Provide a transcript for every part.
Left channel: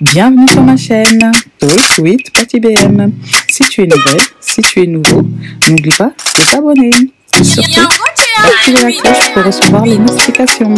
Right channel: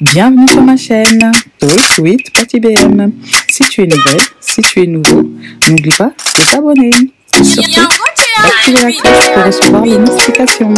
Bienvenue sur ma chaîne Sweet Patty BM. Si tu es nouvelle, si tu es nouveau, n'oublie pas de t'abonner. Surtout, activez la cloche pour recevoir les notifications.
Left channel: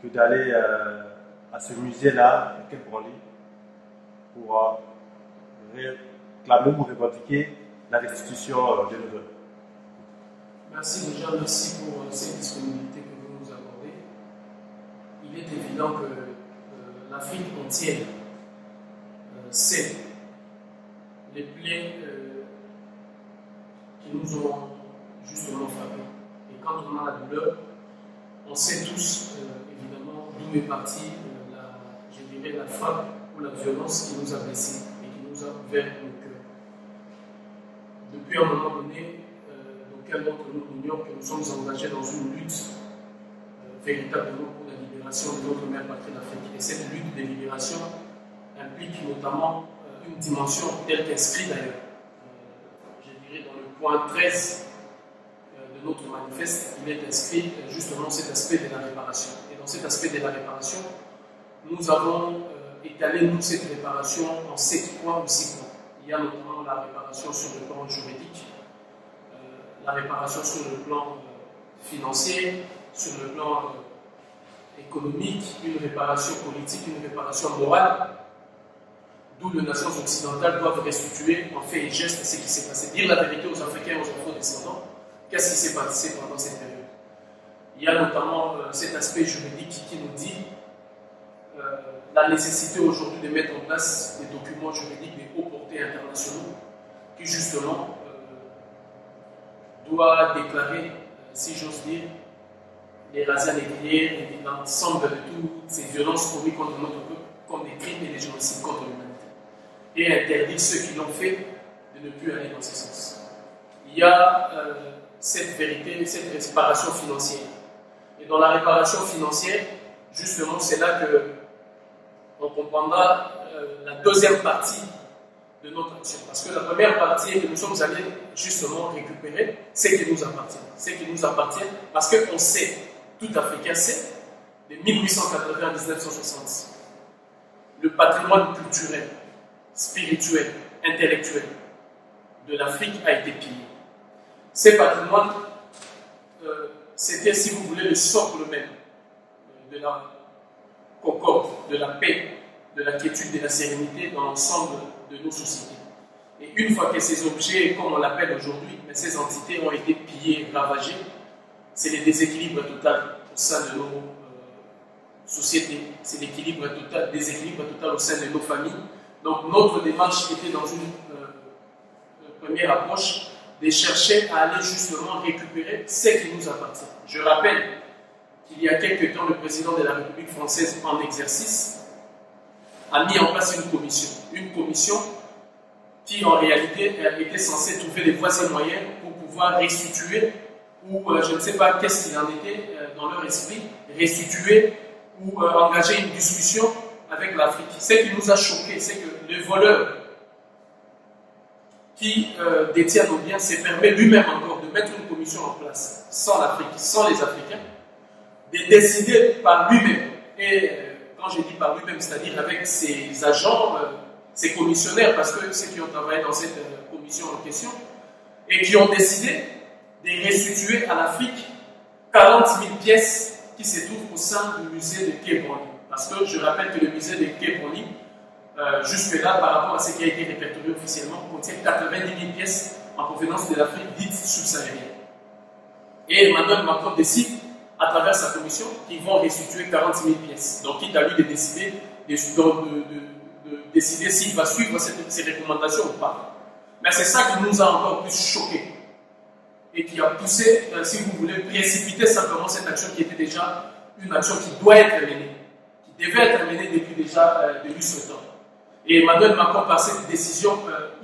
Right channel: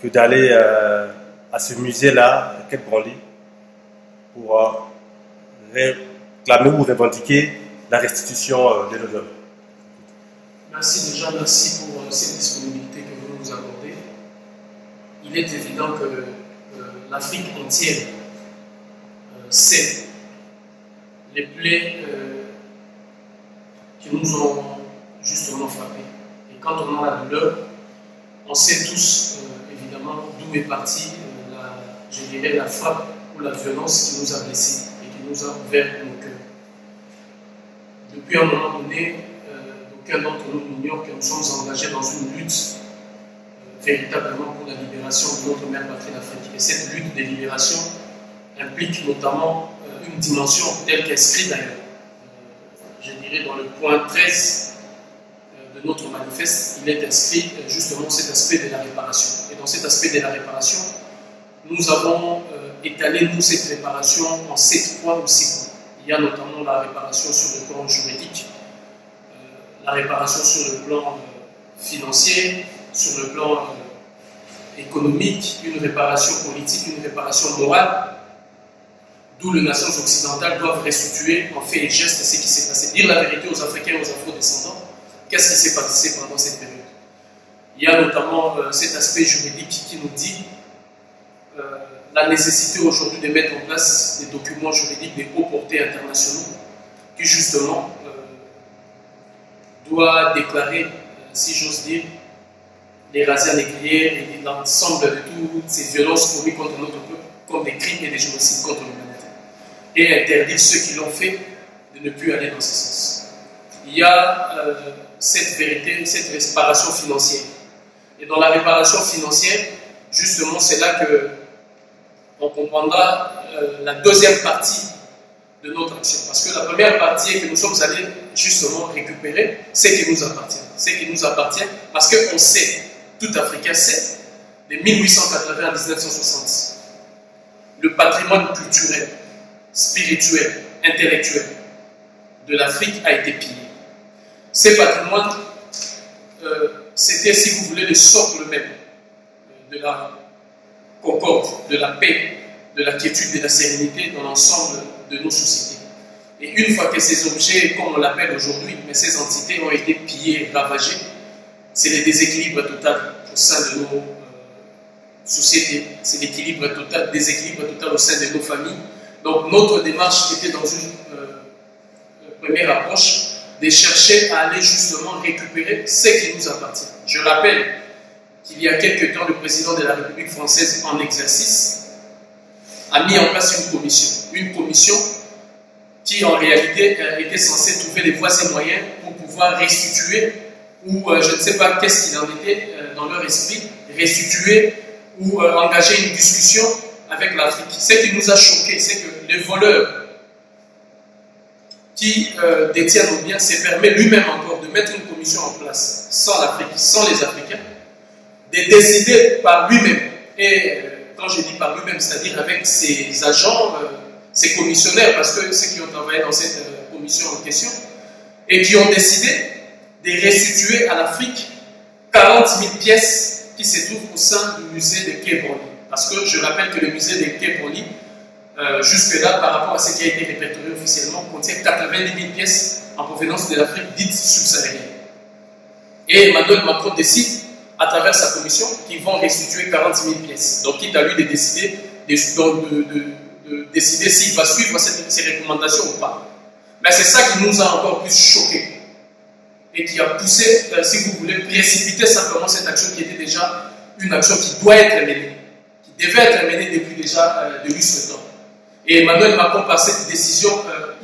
Que d'aller à ce musée-là, à Quai Branly, pour réclamer ou revendiquer la restitution des levures. Merci déjà, merci pour cette disponibilité que vous nous accordez. Il est évident que l'Afrique entière sait les plaies qui nous ont justement frappés. Et quand on a la douleur, on sait tous évidemment d'où est partie je dirais, la frappe ou la violence qui nous a blessés et qui nous a ouvert nos cœurs. Depuis un moment donné, d'aucuns d'entre nous ignorent que nous sommes engagés dans une lutte véritablement pour la libération de notre mère patrie d'Afrique. Et cette lutte de libération implique notamment une dimension telle qu'inscrite d'ailleurs, je dirais dans le point 13 de notre manifeste, il est inscrit justement cet aspect de la réparation. Et dans cet aspect de la réparation, nous avons étalé cette réparation en 7 points ou 6 points. Il y a notamment la réparation sur le plan juridique, la réparation sur le plan financier, sur le plan économique, une réparation politique, une réparation morale, d'où les nations occidentales doivent restituer en fait et geste ce qui s'est passé. Dire la vérité aux Africains et aux Afro-descendants, qu'est-ce qui s'est passé pendant cette période? Il y a notamment cet aspect juridique qui nous dit la nécessité aujourd'hui de mettre en place des documents juridiques de haute portée internationaux qui justement doit déclarer, si j'ose dire, les razzias négrières et l'ensemble de toutes ces violences commises contre notre peuple comme des crimes et des génocides contre l'humanité. Et interdire ceux qui l'ont fait de ne plus aller dans ce sens. Il y a cette vérité, cette réparation financière. Et dans la réparation financière, justement, c'est là que on comprendra la deuxième partie de notre action. Parce que la première partie est que nous sommes allés justement récupérer ce qui nous appartient. Ce qui nous appartient parce qu'on sait, tout Africain sait, de 1880 à 1960, le patrimoine culturel, spirituel, intellectuel de l'Afrique a été pillé. Ces patrimoines, c'était, si vous voulez, le socle même de la concorde, de la paix, de la quiétude, de la sérénité dans l'ensemble de nos sociétés. Et une fois que ces objets, comme on l'appelle aujourd'hui, mais ces entités ont été pillées, ravagées, c'est le déséquilibre total au sein de nos sociétés, c'est l'équilibre total, déséquilibre total au sein de nos familles. Donc notre démarche était dans une première approche de chercher à aller justement récupérer ce qui nous appartient. Je rappelle qu'il y a quelque temps, le président de la République française en exercice a mis en place une commission qui en réalité était censée trouver les voies et moyens pour pouvoir restituer, ou je ne sais pas qu'est-ce qu'il en était dans leur esprit, restituer ou engager une discussion avec l'Afrique. Ce qui nous a choqué, c'est que les voleurs qui détient nos biens se permet lui-même encore de mettre une commission en place sans l'Afrique, sans les Africains, de décider par lui-même. Et quand je dis par lui-même, c'est-à-dire avec ses agents, ses commissionnaires, parce que ceux qui ont travaillé dans cette commission en question, et qui ont décidé de restituer à l'Afrique 40 000 pièces qui se trouvent au sein du musée de Quai Branly. Parce que je rappelle que le musée de Quai Branly, jusque-là, par rapport à ce qui a été répertorié officiellement, contient 90 000 pièces en provenance de l'Afrique dite subsaharienne. Et Emmanuel Macron décide, à travers sa commission, qu'ils vont restituer 40 000 pièces. Donc, il est à lui de décider décider s'il va suivre ces recommandations ou pas. Mais c'est ça qui nous a encore plus choqués. et qui a poussé, si vous voulez, précipiter simplement cette action qui était déjà une action qui doit être menée, qui devait être menée depuis déjà de lustres temps. Et Emmanuel Macron, par cette décision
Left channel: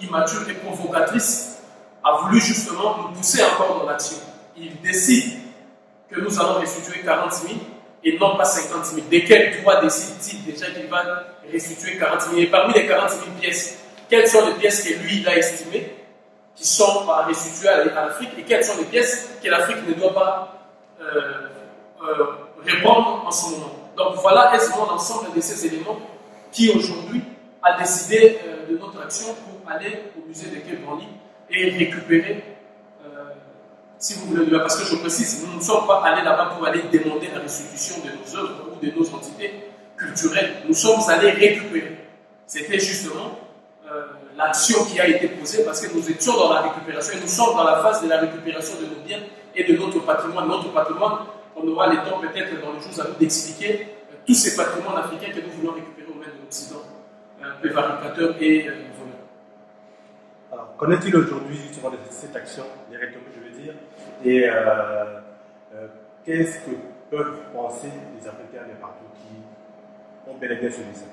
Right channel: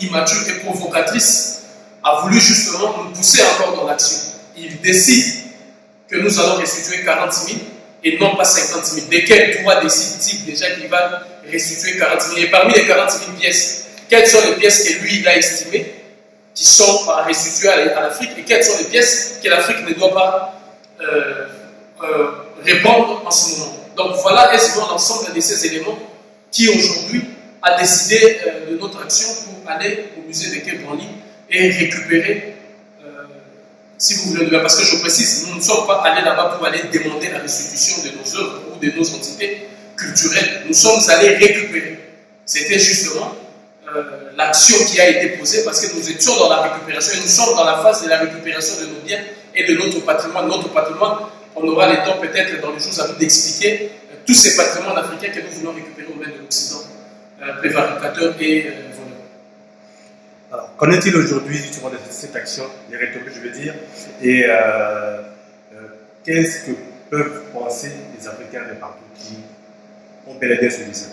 immature et provocatrice, a voulu justement nous pousser encore dans l'action. Il décide que nous allons restituer 40 000 et non pas 50 000. De quel droit décide-t-il déjà qu'il va restituer 40 000? Et parmi les 40 000 pièces, quelles sont les pièces que lui, il a estimées qui sont à restituer à l'Afrique et quelles sont les pièces que l'Afrique ne doit pas répondre en ce moment? Donc voilà aisément l'ensemble de ces éléments qui aujourd'hui a décidé de notre action pour aller au musée de Quai Branly et récupérer, si vous voulez, parce que je précise, nous ne sommes pas allés là-bas pour aller demander la restitution de nos œuvres ou de nos entités culturelles. Nous sommes allés récupérer. C'était justement l'action qui a été posée parce que nous étions dans la récupération et nous sommes dans la phase de la récupération de nos biens et de notre patrimoine. Notre patrimoine, on aura le temps peut-être dans les jours à venir d'expliquer tous ces patrimoines africains que nous voulons récupérer au mains de l'Occident, prévaricateur et voleur. Alors, qu'en est-il aujourd'hui justement de cette action, les rhétoriques, je veux dire, et qu'est-ce que peuvent penser les Africains de partout qui ont bel et bien ce musée?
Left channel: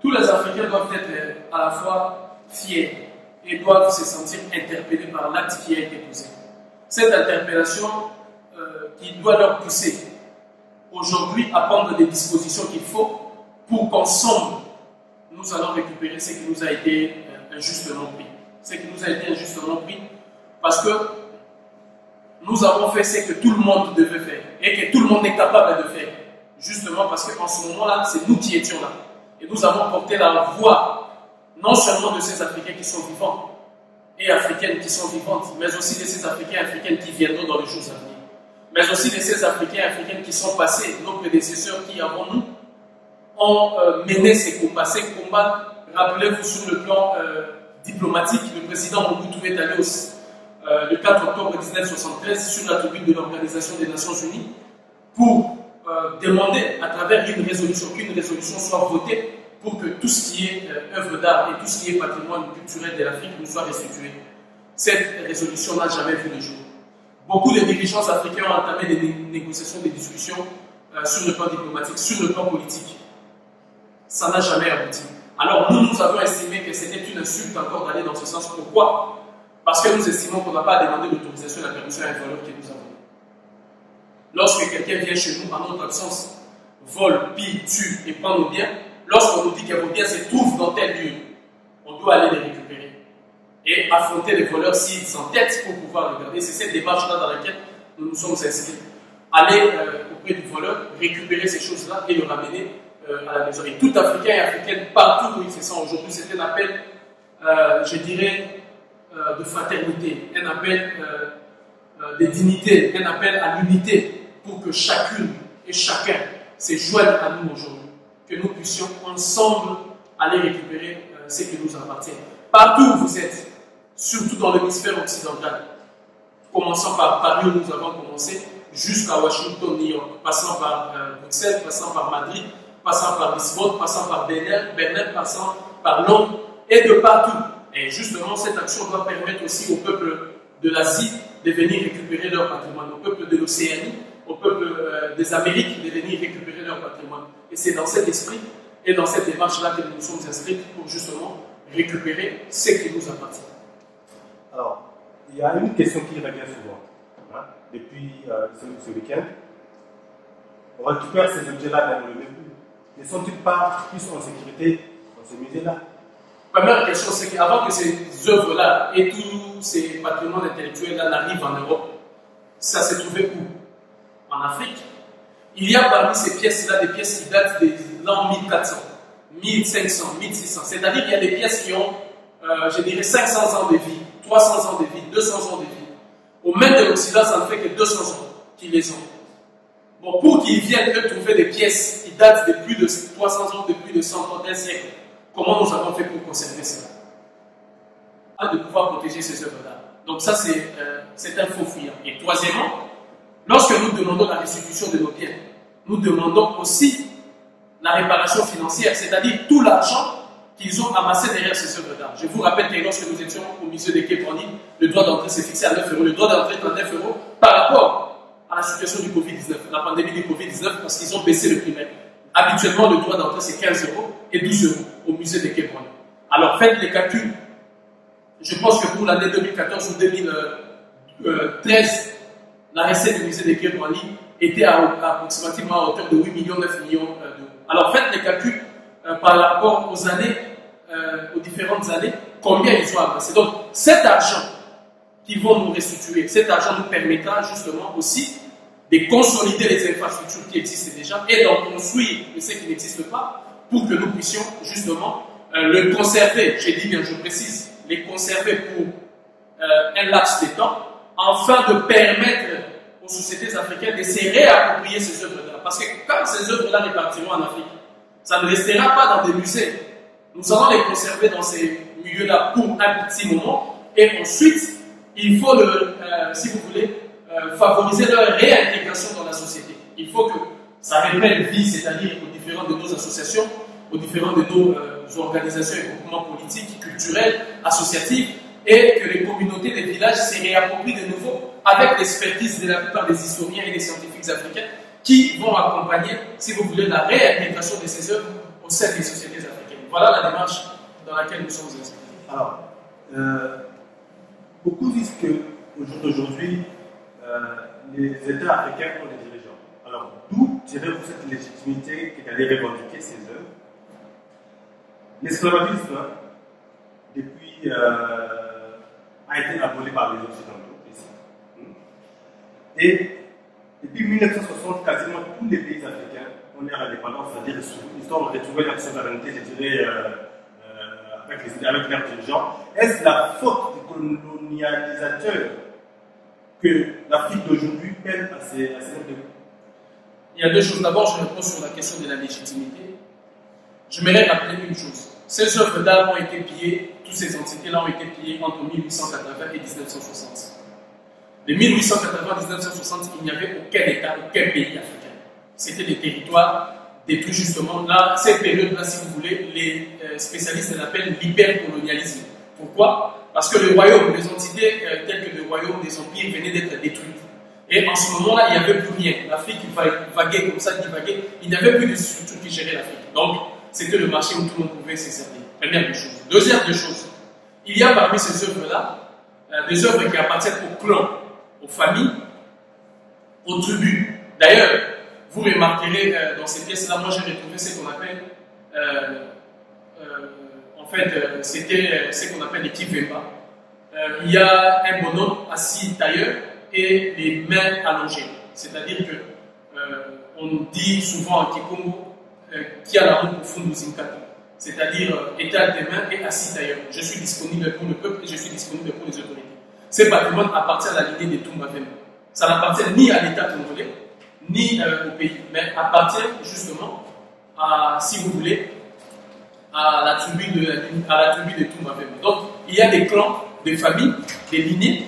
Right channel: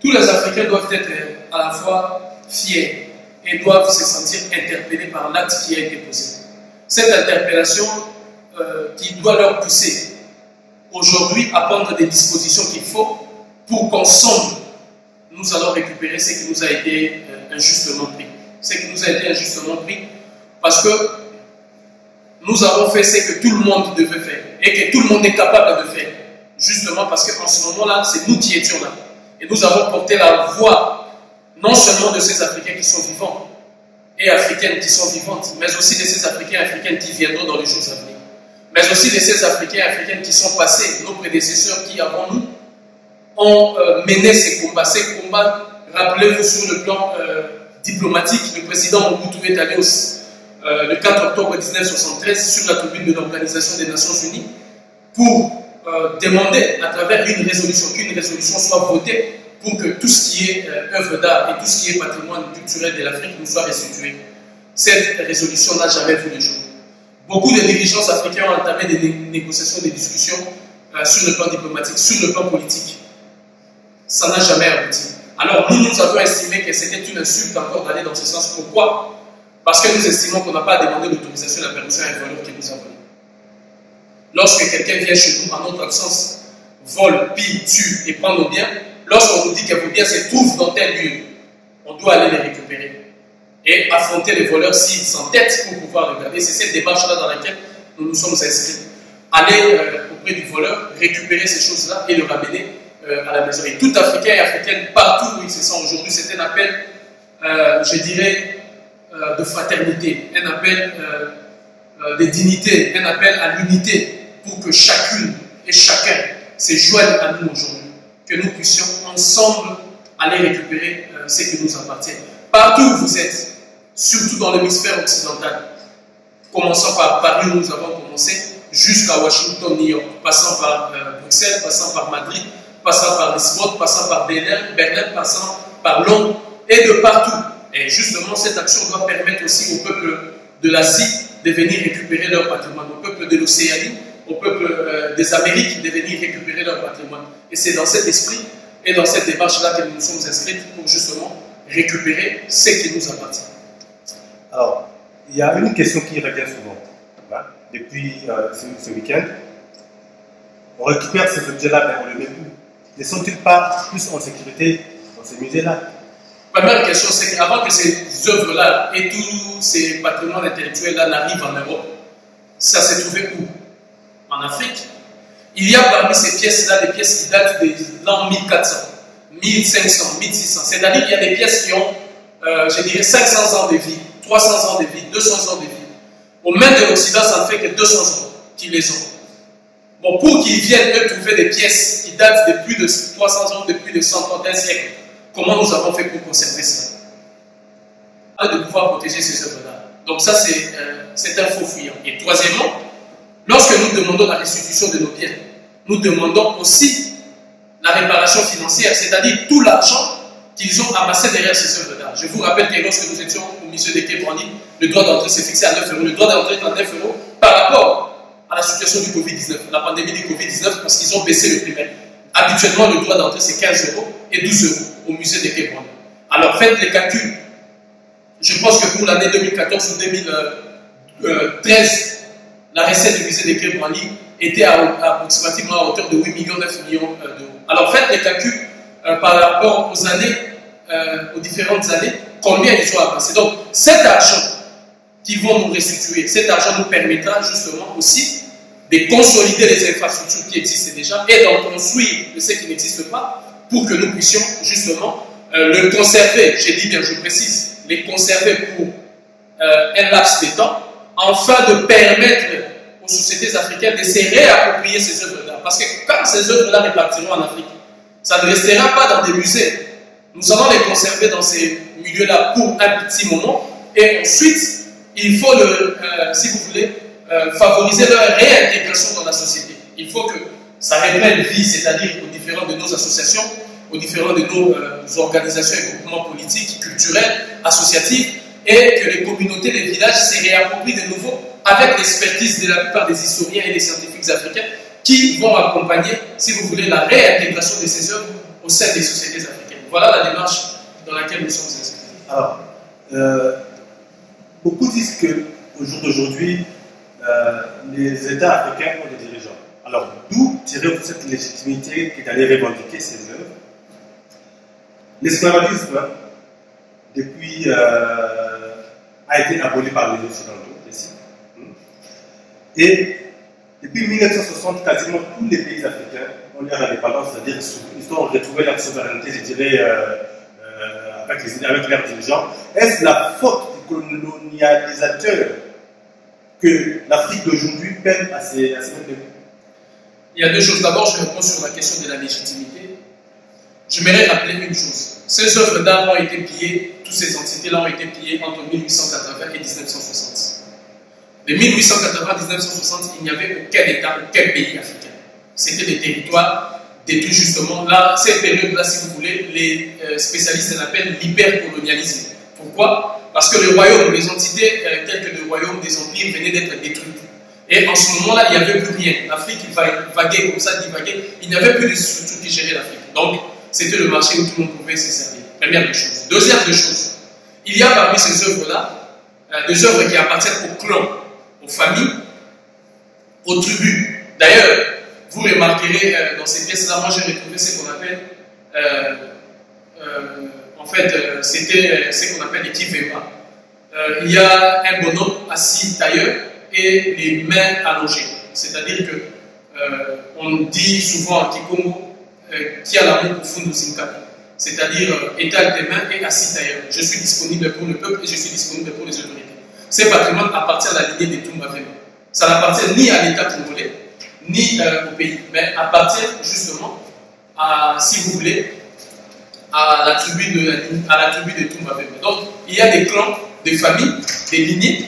Tous les Africains doivent être à la fois fiers et doivent se sentir interpellés par l'acte qui a été posé. Cette interpellation qui doit leur pousser aujourd'hui à prendre des dispositions qu'il faut pour qu'ensemble nous allons récupérer ce qui nous a été injustement pris. Ce qui nous a été injustement pris parce que nous avons fait ce que tout le monde devait faire et que tout le monde est capable de faire. Justement parce qu'en ce moment-là, c'est nous qui étions là. Et nous avons porté la voix non seulement de ces Africains qui sont vivants et Africaines qui sont vivantes, mais aussi de ces Africains et Africaines qui viendront dans les jours à venir. Mais aussi de ces Africains et Africaines qui sont passés, nos prédécesseurs qui, avant nous, ont mené ces combats. Ces combats, rappelez-vous, sur le plan diplomatique, le président Mobutu est allé le 4 octobre 1973 sur la tribune de l'Organisation des Nations Unies pour demander à travers une résolution, qu'une résolution soit votée pour que tout ce qui est œuvre d'art et tout ce qui est patrimoine culturel de l'Afrique nous soit restitué. Cette résolution n'a jamais vu le jour. Beaucoup de dirigeants africains ont entamé des négociations, des discussions sur le plan diplomatique, sur le plan politique. Ça n'a jamais abouti. Alors nous avons estimé que c'était une insulte encore d'aller dans ce sens. Pourquoi? Parce que nous estimons qu'on n'a pas demandé l'autorisation et la permission à un voleur qui nous a volé. Lorsque quelqu'un vient chez nous, en notre absence, vole, pille, tue et prend nos biens, lorsqu'on nous dit que vos biens se trouvent dans tel lieu, on doit aller les récupérer et affronter les voleurs s'ils s'entêtent pour pouvoir regarder. C'est cette démarche-là dans laquelle nous nous sommes inscrits. Aller auprès du voleur, récupérer ces choses-là et le ramener à la maison. Et tout Africain et Africaine, partout où ils se sont aujourd'hui, c'est un appel, je dirais, de fraternité, un appel de dignité, un appel à l'unité pour que chacune et chacun se joigne à nous aujourd'hui, que nous puissions ensemble aller récupérer ce qui nous appartient. Partout où vous êtes, surtout dans l'hémisphère occidental, commençant par Paris où nous avons commencé, jusqu'à Washington, New York, passant par Bruxelles, passant par Madrid, passant par Lisbonne, passant par Berlin, passant par Londres et de partout. Et justement, cette action doit permettre aussi au peuple de l'Asie de venir récupérer leur patrimoine, au peuple de l'Océanie, au peuple des Amériques de venir récupérer leur patrimoine. Et c'est dans cet esprit et dans cette démarche-là que nous nous sommes inscrits pour justement récupérer ce qui nous appartient. Alors, il y a une question qui revient souvent, hein, depuis ce week-end. On récupère ces objets-là, mais on ne les met plus. Ne sont-ils pas plus en sécurité dans ces musées-là? Première question, c'est qu'avant que ces œuvres-là et tous ces patrimoines intellectuels-là n'arrivent en Europe, ça s'est trouvé où? En Afrique. Il y a parmi ces pièces-là des pièces qui datent de l'an 1400, 1500, 1600. C'est-à-dire qu'il y a des pièces qui ont, je dirais, 500 ans de vie, 300 ans de vie, 200 ans de vie. Au mains de l'Occident, ça ne fait que 200 ans qu'ils les ont. Bon, pour qu'ils viennent eux trouver des pièces qui datent de plus de 300 ans, de plus de 100 ans, d'un siècle, comment nous avons fait pour conserver ça? De pouvoir protéger ces œuvres-là. Donc ça, c'est un faux fuyant. Et troisièmement, lorsque nous demandons la restitution de nos biens, nous demandons aussi la réparation financière, c'est-à-dire tout l'argent qu'ils ont amassé derrière ces œuvres d'art. Je vous rappelle que lorsque nous étions au musée de Quai Branly, le droit d'entrée s'est fixé à 9 €. Le droit d'entrée est à 9 € par rapport à la situation du Covid-19, la pandémie du Covid-19, parce qu'ils ont baissé le prix. Habituellement, le droit d'entrée, c'est 15 € et 12 € au musée de Quai Branly. Alors, faites les calculs. Je pense que pour l'année 2014 ou 2013, la recette du musée de Quai Branly était approximativement à hauteur de 8 millions, 9 millions d'euros. Alors, faites les calculs par rapport aux années, aux différentes années, combien ils ont avancé. Donc, cet argent qu'ils vont nous restituer, cet argent nous permettra justement aussi de consolider les infrastructures qui existent déjà et d'en construire de ce qui n'existe pas pour que nous puissions justement le conserver. J'ai dit bien, je précise, les conserver pour un laps de temps, afin de permettre aux sociétés africaines de se réapproprier ces œuvres-là. Parce que quand ces œuvres-là repartiront en Afrique, ça ne restera pas dans des musées. Nous allons les conserver dans ces milieux-là pour un petit moment et ensuite, il faut, si vous voulez, favoriser leur réintégration dans la société. Il faut que ça reprenne vie, c'est-à-dire aux différents de nos associations, aux différents de nos organisations et groupements politiques, culturels, associatifs, et que les communautés des villages se réapproprient de nouveau avec l'expertise de la plupart des historiens et des scientifiques africains qui vont accompagner, si vous voulez, la réintégration de ces œuvres au sein des sociétés africaines. Voilà la démarche dans laquelle nous sommes inscrits. Alors, beaucoup disent qu'au jour d'aujourd'hui, les États africains ont des dirigeants. Alors, d'où tirez-vous cette légitimité qui est d'aller revendiquer ces œuvres? L'esclavagisme, depuis, a été aboli par les Occidentaux, ici. Et depuis 1960, quasiment tous les pays africains ont leur indépendance, c'est-à-dire qu'ils ont retrouvé leur souveraineté, je dirais, avec leurs dirigeants. Est-ce la faute du colonialisateur que l'Afrique d'aujourd'hui peine à se mettre debout? Il y a deux choses. D'abord, je réponds sur la question de la légitimité. Je m'aimerais rappeler une chose. Ces œuvres d'art ont été pillées, toutes ces entités-là ont été pillées entre 1880 et 1960. De 1880 à 1960, il n'y avait aucun État, aucun pays africain. C'était des territoires détruits justement. Là, cette période-là, si vous voulez, les spécialistes l'appellent l'hypercolonialisme. Pourquoi? Parce que les royaumes, les entités telles que le royaume des empires venaient d'être détruites. Et en ce moment-là, il n'y avait plus rien. L'Afrique vaguait comme ça, divaguait. Il n'y avait plus de structures qui géraient l'Afrique. Donc, c'était le marché où tout le monde pouvait se servir. Première des choses. Deuxième des choses, il y a parmi ces œuvres-là des œuvres qui appartiennent aux clans, aux familles, aux tribus. D'ailleurs, vous remarquerez dans ces pièces-là, moi j'ai retrouvé ce qu'on appelle, c'était ce qu'on appelle les kivemba. Il y a un bonhomme assis tailleur et les mains allongées. C'est-à-dire que on dit souvent en Kikongo qui a l'amour profond de Zinkapi. C'est-à-dire étale des mains et assis tailleur. Je suis disponible pour le peuple et je suis disponible pour les autorités. Ce patrimoine appartient à la lignée des Toumba Vemba. Ça n'appartient ni à l'État congolais, ni au pays, mais appartient justement à, si vous voulez, à la tribu de Toumba Vemba. Donc, il y a des clans, des familles, des lignées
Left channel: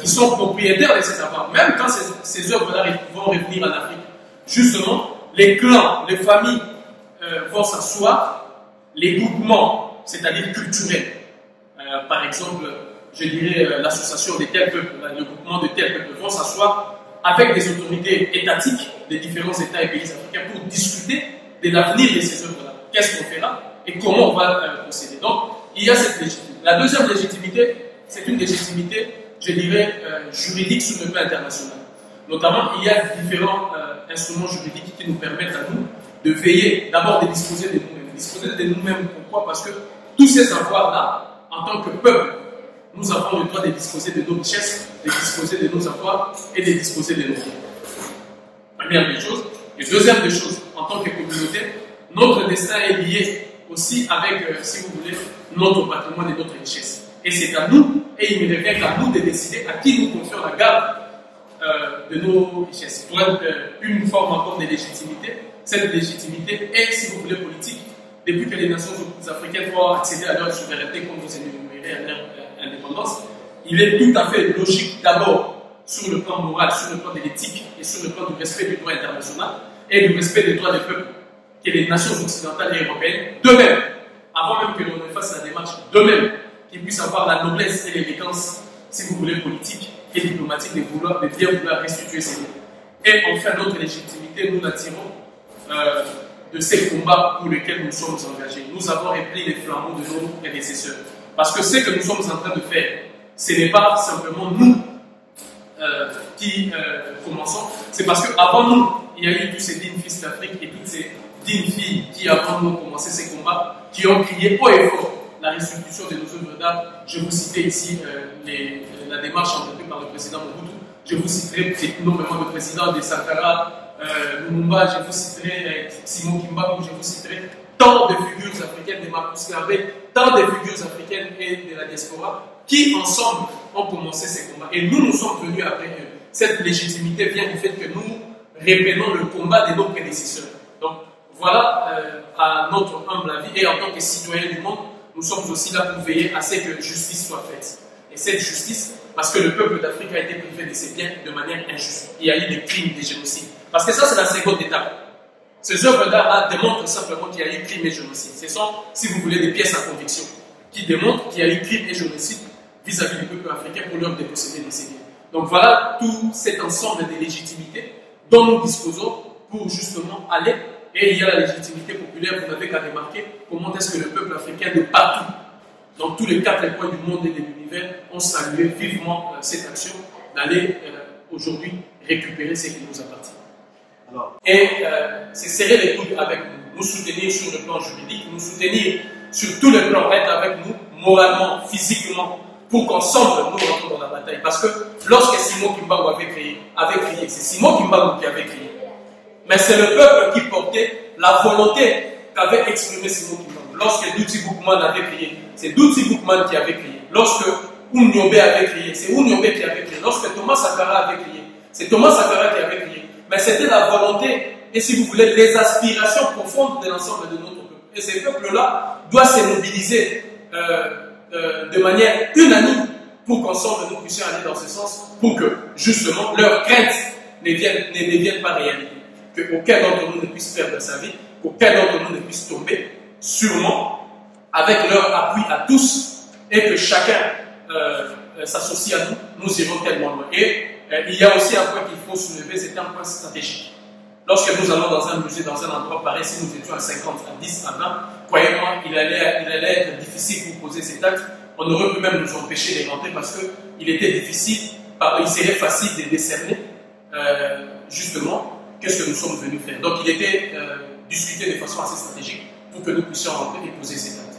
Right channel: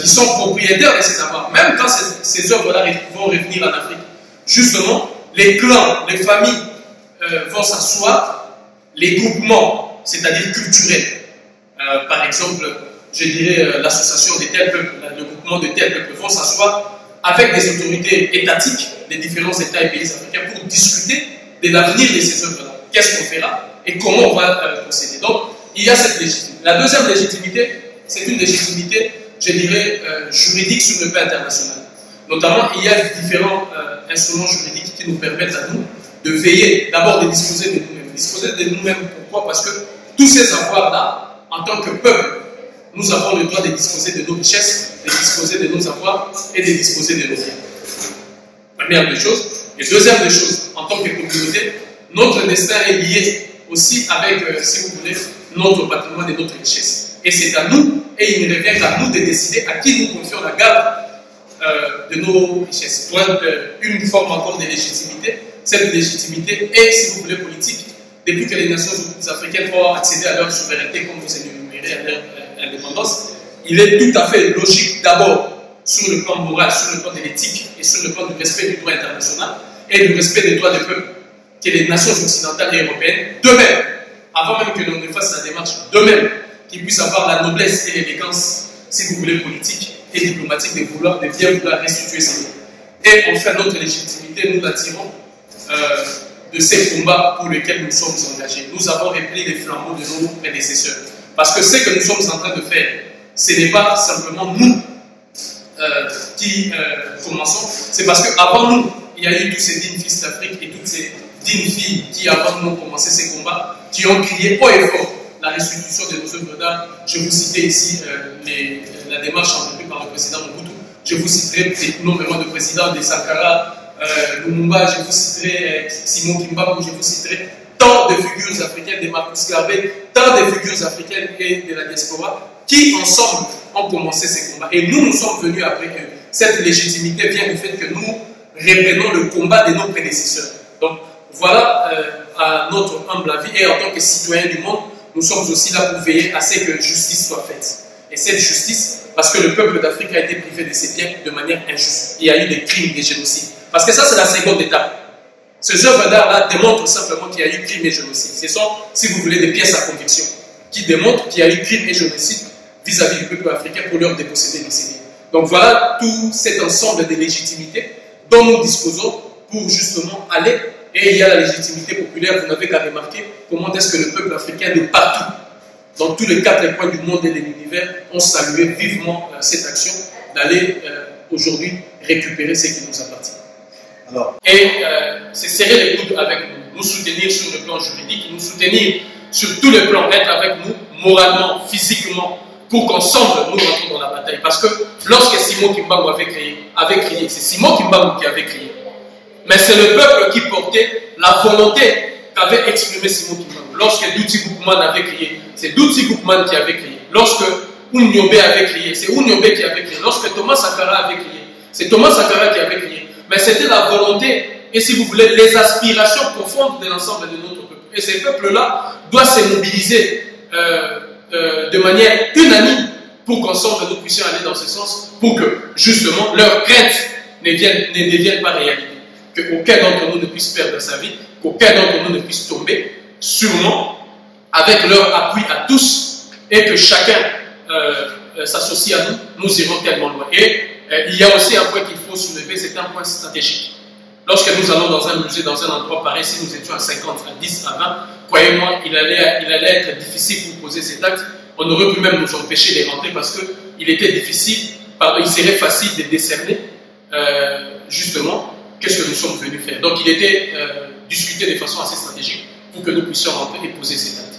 qui sont propriétaires de ces avoirs. Même quand ces œuvres-là vont revenir en Afrique, justement, les clans, les familles vont s'asseoir, les groupements, c'est-à-dire culturels, par exemple, je dirais l'association des tels peuples, le groupement de tels peuples vont s'asseoir avec des autorités étatiques des différents États et pays africains pour discuter de l'avenir de ces œuvres-là. Qu'est-ce qu'on fera et comment on va procéder. Donc, il y a cette légitimité. La deuxième légitimité, c'est une légitimité, je dirais, juridique sur le plan international. Notamment, il y a différents instruments juridiques qui nous permettent à nous de veiller, d'abord de disposer de nous-mêmes. Disposer de nous-mêmes, pourquoi? Parce que tous ces avoirs-là, en tant que peuple, nous avons le droit de disposer de nos richesses, de disposer de nos avoirs et de disposer de nos biens. Première des choses. Et deuxième des choses, en tant que communauté, notre destin est lié aussi avec, si vous voulez, notre patrimoine et notre richesse. Et c'est à nous, et il ne revient qu'à nous de décider à qui nous confions la garde de nos richesses. Pour une forme encore de légitimité, cette légitimité est, si vous voulez, politique. Depuis que les nations africaines vont accéder à leur souveraineté, comme vous énumérez à leur indépendance, il est tout à fait logique d'abord sur le plan moral, sur le plan de l'éthique et sur le plan du respect du droit international et du respect des droits des peuples que les nations occidentales et européennes, de même, avant même que l'on ne fasse la démarche d'eux-mêmes, qu'ils puissent avoir la noblesse et l'élégance, si vous voulez, politique et diplomatique de bien vouloir restituer ces biens. Et enfin, notre légitimité, nous la tirons de ces combats pour lesquels nous sommes engagés. Nous avons repris les flambeaux de nos prédécesseurs. Parce que ce que nous sommes en train de faire, ce n'est pas simplement nous qui commençons, c'est parce qu'avant nous, il y a eu tous ces dignes fils d'Afrique et toutes ces dignes filles qui, avant nous, ont commencé ces combats, qui ont crié haut et fort la restitution de nos œuvres d'art. Je vous citais ici la démarche entreprise par le président Mobutu. Je vous citerai nommément de président de Sankara, Lumumba, je vous citerai Simon Kimbangu, je vous citerai tant de figures africaines, de Marcus Garvey, tant de figures africaines et de la diaspora qui, ensemble, ont commencé ces combats. Et nous sommes venus après eux. Cette légitimité vient du fait que nous reprenons le combat de nos prédécesseurs. Donc, voilà, à notre humble avis, et en tant que citoyens du monde, nous sommes aussi là pour veiller à ce que justice soit faite. Et cette justice, parce que le peuple d'Afrique a été privé de ses biens de manière injuste. Il y a eu des crimes, des génocides. Parce que ça, c'est la seconde étape. Ces œuvres d'art-là démontrent simplement qu'il y a eu crime et génocide. Ce sont, si vous voulez, des pièces à conviction qui démontrent qu'il y a eu crime et génocide vis-à-vis du peuple africain pour leur déposséder de ses biens. Donc voilà tout cet ensemble de légitimités dont nous disposons pour justement aller. Et il y a la légitimité populaire, vous n'avez qu'à remarquer comment est-ce que le peuple africain de partout, dans tous les 4 coins du monde et de l'univers, ont salué vivement cette action d'aller aujourd'hui récupérer ce qui nous appartient. Alors. Et c'est serrer les coudes avec nous, nous soutenir sur le plan juridique, nous soutenir sur tous les plans, être avec nous moralement, physiquement, pour qu'ensemble nous rentrons dans la bataille. Parce que lorsque Simon Kimbangu avait crié, c'est Simon Kimbangu qui avait crié. Mais c'est le peuple qui portait la volonté qu'avait exprimée Simon Kimbangu. Lorsque Duti Boukman avait crié, c'est Duti Boukman qui avait crié. Lorsque Oumniobé avait crié, c'est Oumniobé qui avait crié. Lorsque Thomas Sankara avait crié, c'est Thomas Sankara qui avait crié. Mais c'était la volonté et, si vous voulez, les aspirations profondes de l'ensemble de notre peuple. Et ces peuples-là doivent se mobiliser de manière unanime pour qu'ensemble nous puissions aller dans ce sens, pour que justement leurs craintes ne deviennent pas réalité. Qu'aucun d'entre nous ne puisse perdre sa vie, qu'aucun d'entre nous ne puisse tomber, sûrement avec leur appui à tous, et que chacun s'associe à nous, nous irons tellement loin. Et il y a aussi un point qu'il faut soulever, c'est un point stratégique. Lorsque nous allons dans un musée, dans un endroit pareil, si nous étions à 50, à 10, à 20, croyez-moi, il allait être difficile pour poser cet acte. On aurait pu même nous empêcher de rentrer parce qu'il était difficile, il serait facile de décerner justement qu'est-ce que nous sommes venus faire. Donc il était discuté de façon assez stratégique pour que nous puissions rentrer et poser cet acte.